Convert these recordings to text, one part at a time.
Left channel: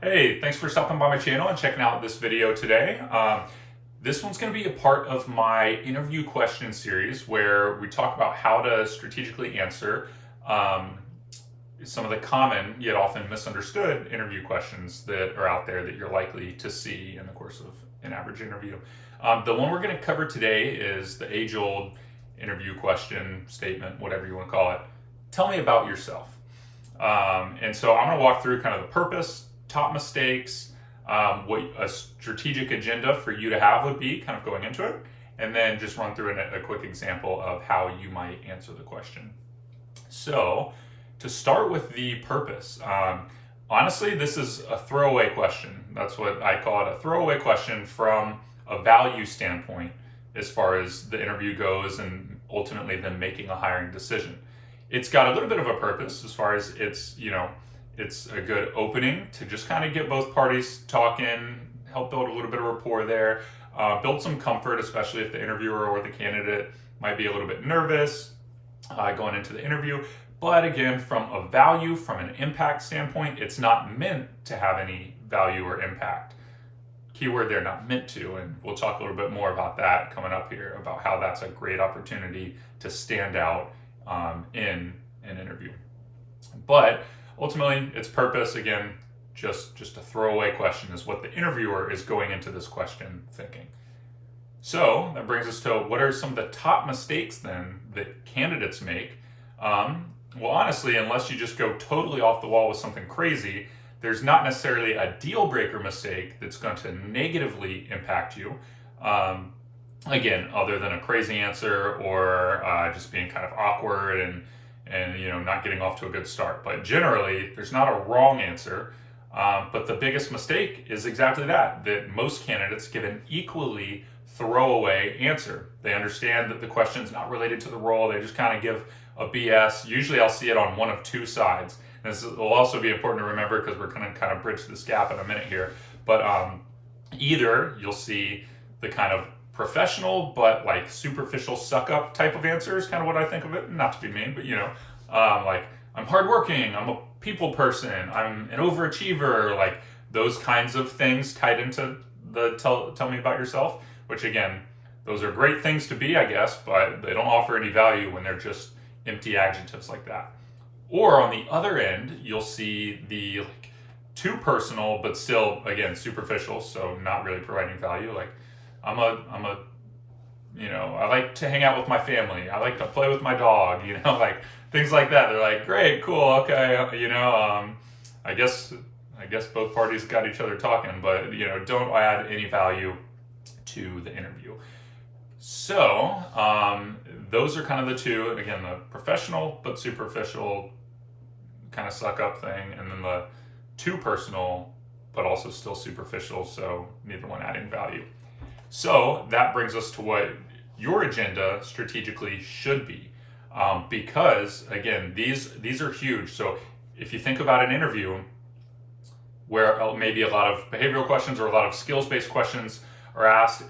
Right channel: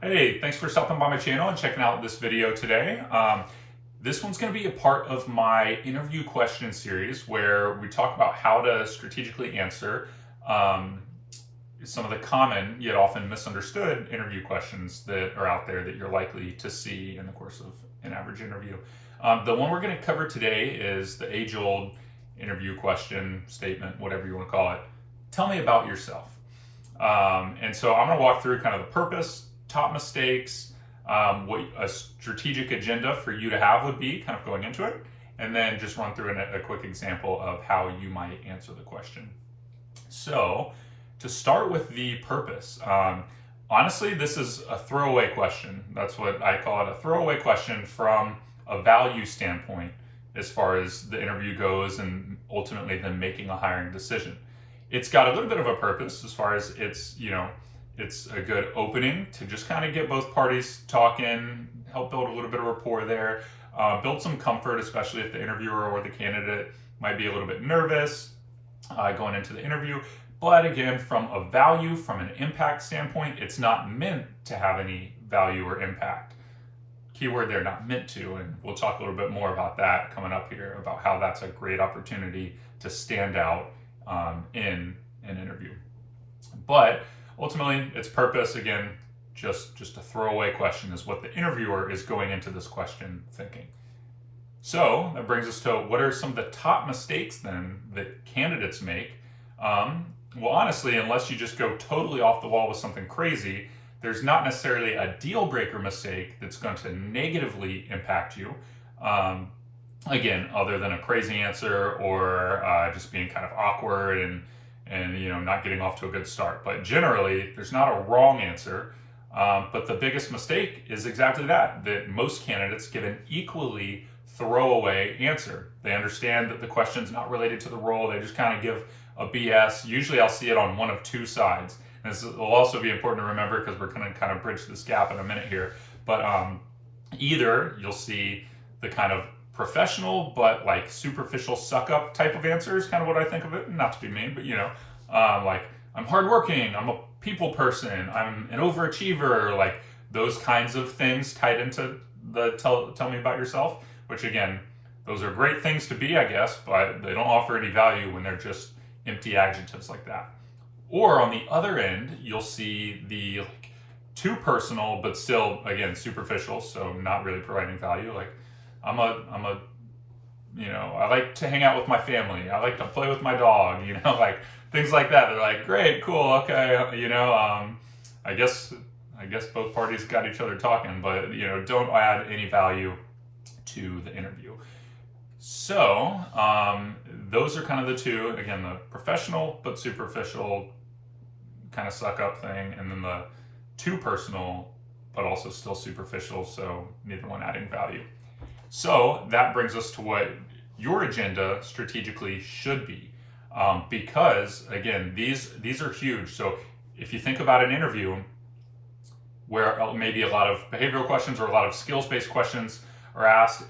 Hey, thanks for stopping by my channel and checking out this video today. This one's going to be a part of my interview question series where we talk about how to strategically answer um, some of the common yet often misunderstood interview questions that are out there that you're likely to see in the course of an average interview. The one we're going to cover today is the age-old interview question, statement, whatever you want to call it. Tell me about yourself. And so I'm going to walk through kind of the purpose, top mistakes, what a strategic agenda for you to have would be kind of going into it, and then just run through a quick example of how you might answer the question. So to start with the purpose, honestly, this is a throwaway question. That's what I call it, a throwaway question from a value standpoint as far as the interview goes and ultimately then making a hiring decision. It's got a little bit of a purpose as far as it's a good opening to just kind of get both parties talking, help build a little bit of rapport there, build some comfort, especially if the interviewer or the candidate might be a little bit nervous going into the interview. But again, from a value, from an impact standpoint, it's not meant to have any value or impact. Keyword there, not meant to, and we'll talk a little bit more about that coming up here, about how that's a great opportunity to stand out in an interview. But ultimately, its purpose, again, just a throwaway question, is what the interviewer is going into this question thinking. So that brings us to what are some of the top mistakes then that candidates make? Well, honestly, unless you just go totally off the wall with something crazy, there's not necessarily a deal breaker mistake that's going to negatively impact you. Again, other than a crazy answer or just being kind of awkward and not getting off to a good start. But generally, there's not a wrong answer. But the biggest mistake is exactly that most candidates give an equally throwaway answer. They understand that the question's not related to the role. They just kind of give a BS. Usually I'll see it on one of two sides. And this will also be important to remember because we're going to kind of bridge this gap in a minute here. But either you'll see the kind of professional but like superficial suck up type of answers, kind of what I think of it, not to be mean, but like I'm hardworking, I'm a people person, I'm an overachiever, like those kinds of things tied into the tell me about yourself, which again, those are great things to be, I guess, but they don't offer any value when they're just empty adjectives like that. Or on the other end, you'll see the like too personal but still again superficial, so not really providing value, like I like to hang out with my family. I like to play with my dog, like things like that. They're like, great, cool, okay, I guess both parties got each other talking, but don't add any value to the interview. So those are kind of the two. Again, the professional but superficial kind of suck up thing, and then the too personal but also still superficial, so neither one adding value. So that brings us to what your agenda strategically should be, because again, these are huge. So if you think about an interview where maybe a lot of behavioral questions or a lot of skills-based questions are asked,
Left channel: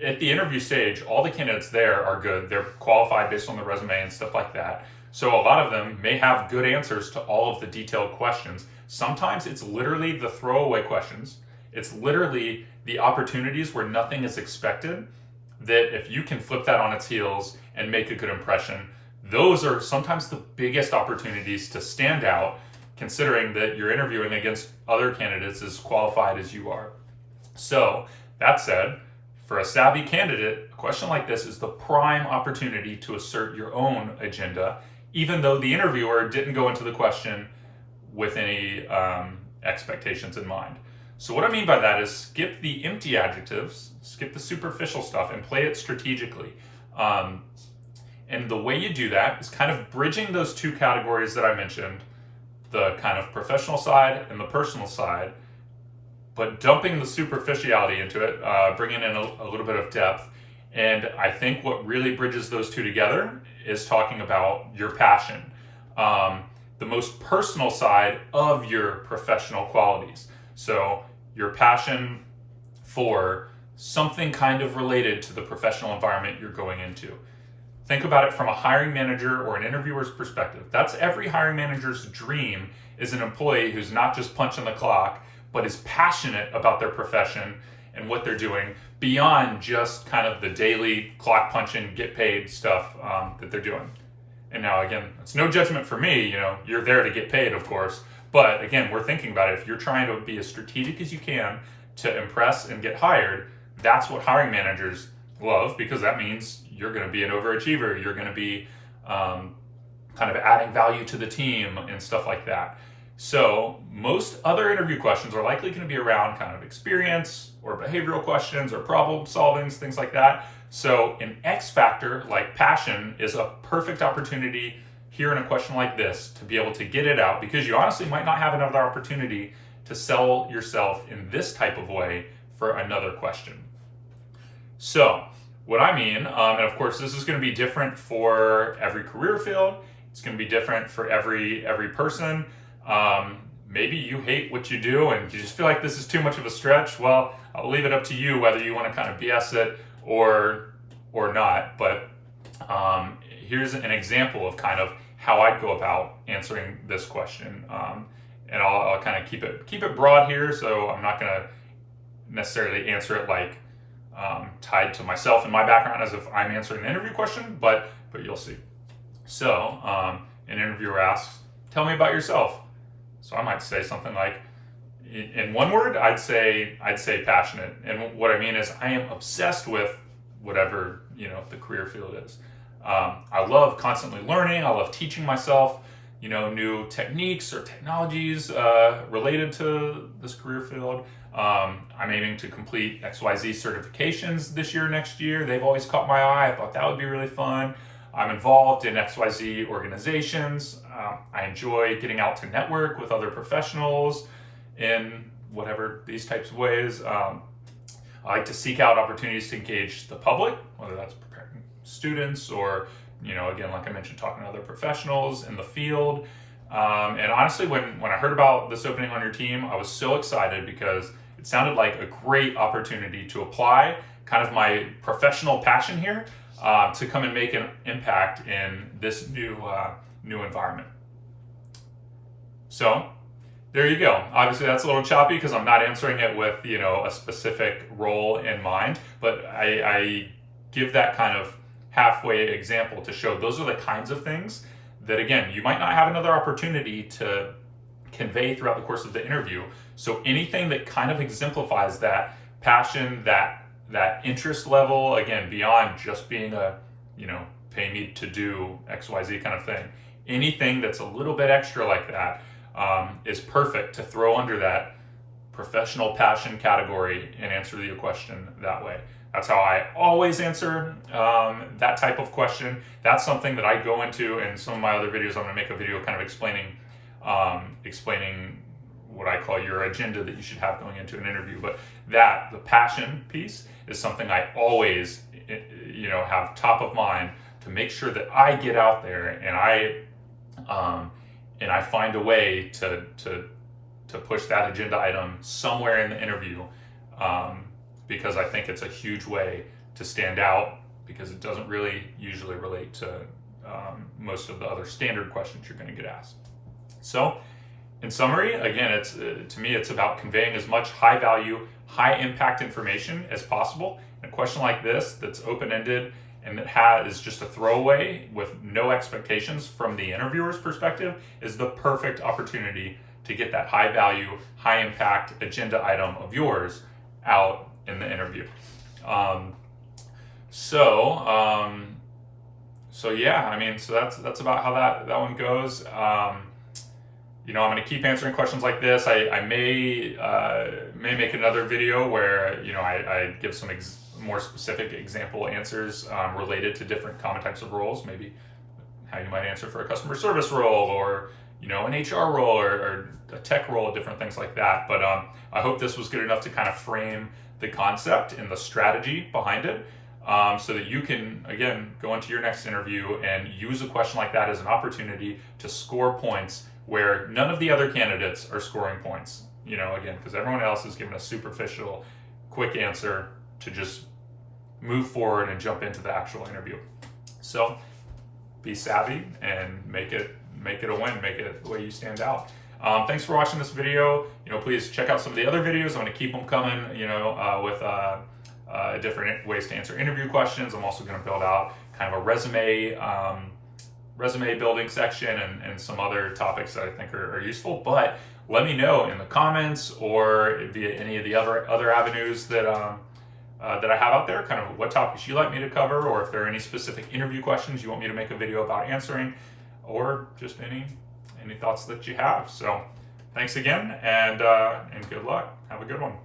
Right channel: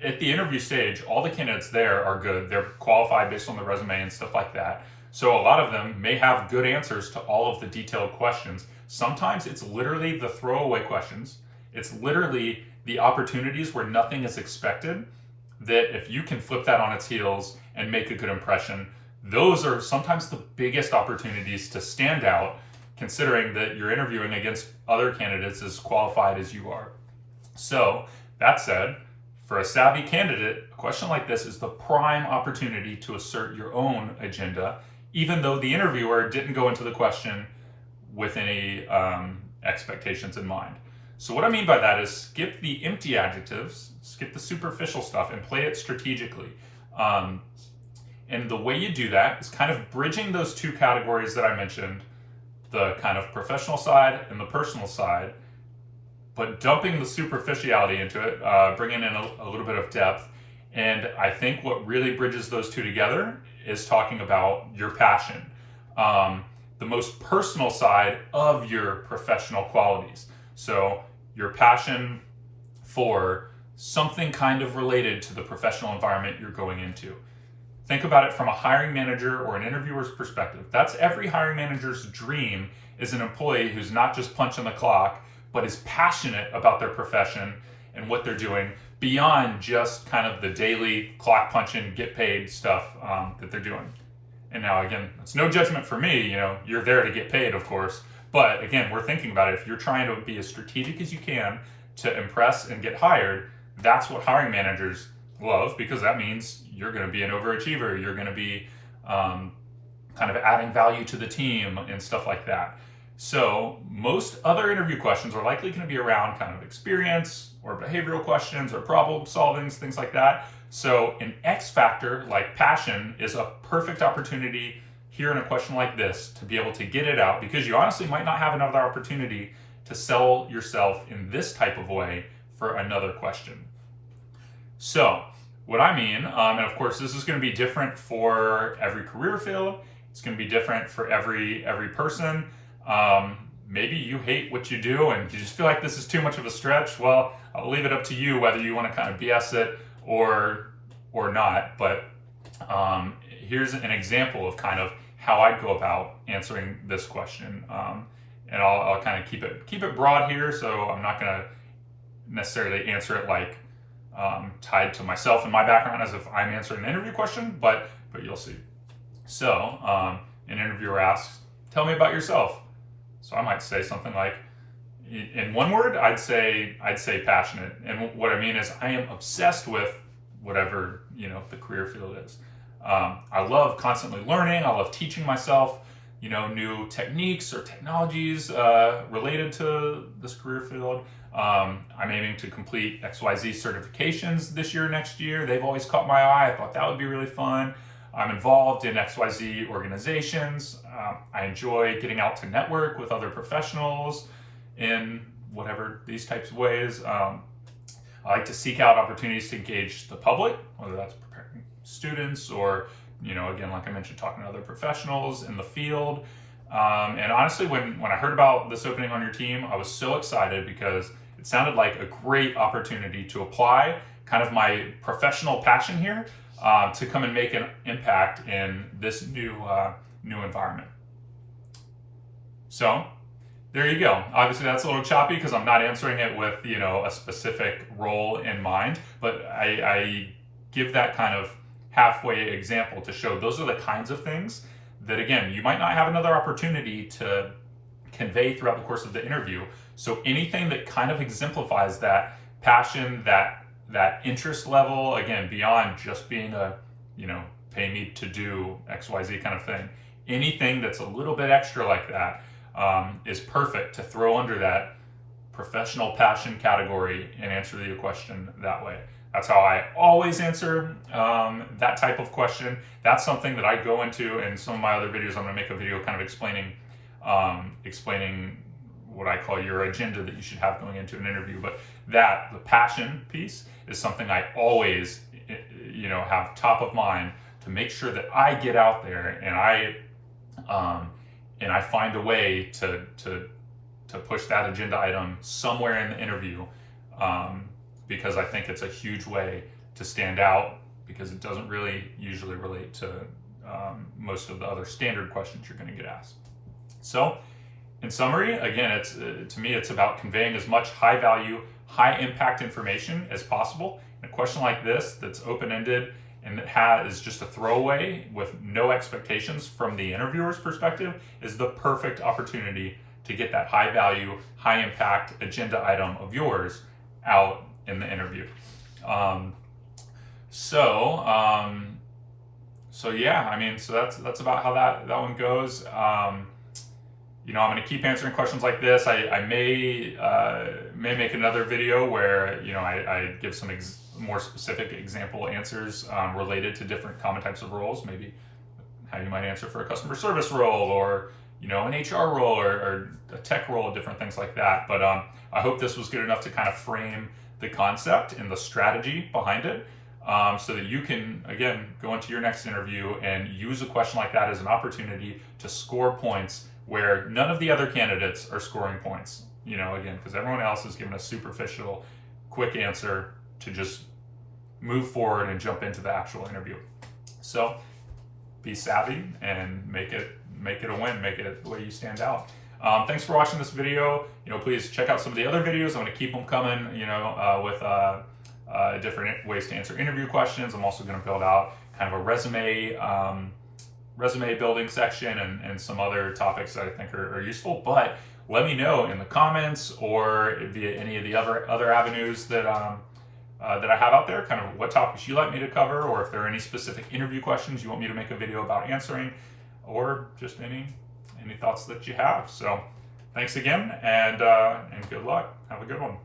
at the interview stage, all the candidates there are good. They're qualified based on the resume and stuff like that. So a lot of them may have good answers to all of the detailed questions. Sometimes it's literally the throwaway questions. It's literally the opportunities where nothing is expected, that if you can flip that on its heels and make a good impression, those are sometimes the biggest opportunities to stand out, considering that you're interviewing against other candidates as qualified as you are. So that said, for a savvy candidate, a question like this is the prime opportunity to assert your own agenda, even though the interviewer didn't go into the question with any expectations in mind. So what I mean by that is skip the empty adjectives, skip the superficial stuff, and play it strategically. And the way you do that is kind of bridging those two categories that I mentioned, the kind of professional side and the personal side, but dumping the superficiality into it, bringing in a little bit of depth. And I think what really bridges those two together is talking about your passion, the most personal side of your professional qualities. So your passion for something kind of related to the professional environment you're going into. Think about it from a hiring manager or an interviewer's perspective. That's every hiring manager's dream, is an employee who's not just punching the clock, but is passionate about their profession and what they're doing beyond just kind of the daily clock punching, get paid stuff that they're doing. And now, again, it's no judgment for me. You're there to get paid, of course. But again, we're thinking about it. If you're trying to be as strategic as you can to impress and get hired, that's what hiring managers love, because that means you're going to be an overachiever. You're going to be kind of adding value to the team and stuff like that. So most other interview questions are likely going to be around kind of experience or behavioral questions or problem solving, things like that. So an X factor like passion is a perfect opportunity here in a question like this to be able to get it out, because you honestly might not have another opportunity to sell yourself in this type of way for another question. So what I mean, and of course this is going to be different for every career field. It's going to be different for every person. Maybe you hate what you do and you just feel like this is too much of a stretch. Well, I'll leave it up to you whether you want to kind of BS it or not. But here's an example of kind of how I'd go about answering this question. And I'll kind of keep it broad here, so I'm not going to necessarily answer it like tied to myself and my background as if I'm answering the interview question, but you'll see. So an interviewer asks, "Tell me about yourself." So I might say something like, in one word, I'd say passionate. And what I mean is I am obsessed with whatever, the career field is. I love constantly learning. I love teaching myself, new techniques or technologies related to this career field. I'm aiming to complete XYZ certifications this year, next year. They've always caught my eye. I thought that would be really fun. I'm involved in XYZ organizations. I enjoy getting out to network with other professionals in whatever these types of ways. I like to seek out opportunities to engage the public, whether that's preparing students or, again, like I mentioned, talking to other professionals in the field. And honestly, when I heard about this opening on your team, I was so excited because it sounded like a great opportunity to apply kind of my professional passion here to come and make an impact in this new environment. So there you go. Obviously that's a little choppy because I'm not answering it with a specific role in mind, but I give that kind of halfway example to show those are the kinds of things that, again, you might not have another opportunity to convey throughout the course of the interview. So anything that kind of exemplifies that passion, that interest level, again, beyond just being a, pay me to do XYZ kind of thing. Anything that's a little bit extra like that is perfect to throw under that professional passion category and answer the question that way. That's how I always answer that type of question. That's something that I go into in some of my other videos. I'm going to make a video kind of explaining what I call your agenda that you should have going into an interview. But the passion piece is something I always, have top of mind to make sure that I get out there and I find a way to push that agenda item somewhere in the interview. Because I think it's a huge way to stand out, because it doesn't really usually relate to most of the other standard questions you're going to get asked. So in summary, again, to me, it's about conveying as much high value, high impact information as possible. And a question like this that's open-ended and that is just a throwaway with no expectations from the interviewer's perspective is the perfect opportunity to get that high value, high impact agenda item of yours out in the interview. So yeah, so that's about how that one goes. I'm going to keep answering questions like this. I may make another video where I give some more specific example answers related to different common types of roles, maybe how you might answer for a customer service role or an HR role or a tech role, different things like that. But I hope this was good enough to kind of frame the concept and the strategy behind it, so that you can, again, go into your next interview and use a question like that as an opportunity to score points where none of the other candidates are scoring points, again, because everyone else is given a superficial, quick answer to just move forward and jump into the actual interview. So be savvy and make it a win, make it the way you stand out. Thanks for watching this video. Please check out some of the other videos. I'm going to keep them coming, with different ways to answer interview questions. I'm also going to build out kind of a resume building section and some other topics that I think are useful. But let me know in the comments or via any of the other avenues that that I have out there, kind of what topics you like me to cover, or if there are any specific interview questions you want me to make a video about answering, or just any thoughts that you have. So thanks again, and good luck. Have a good one.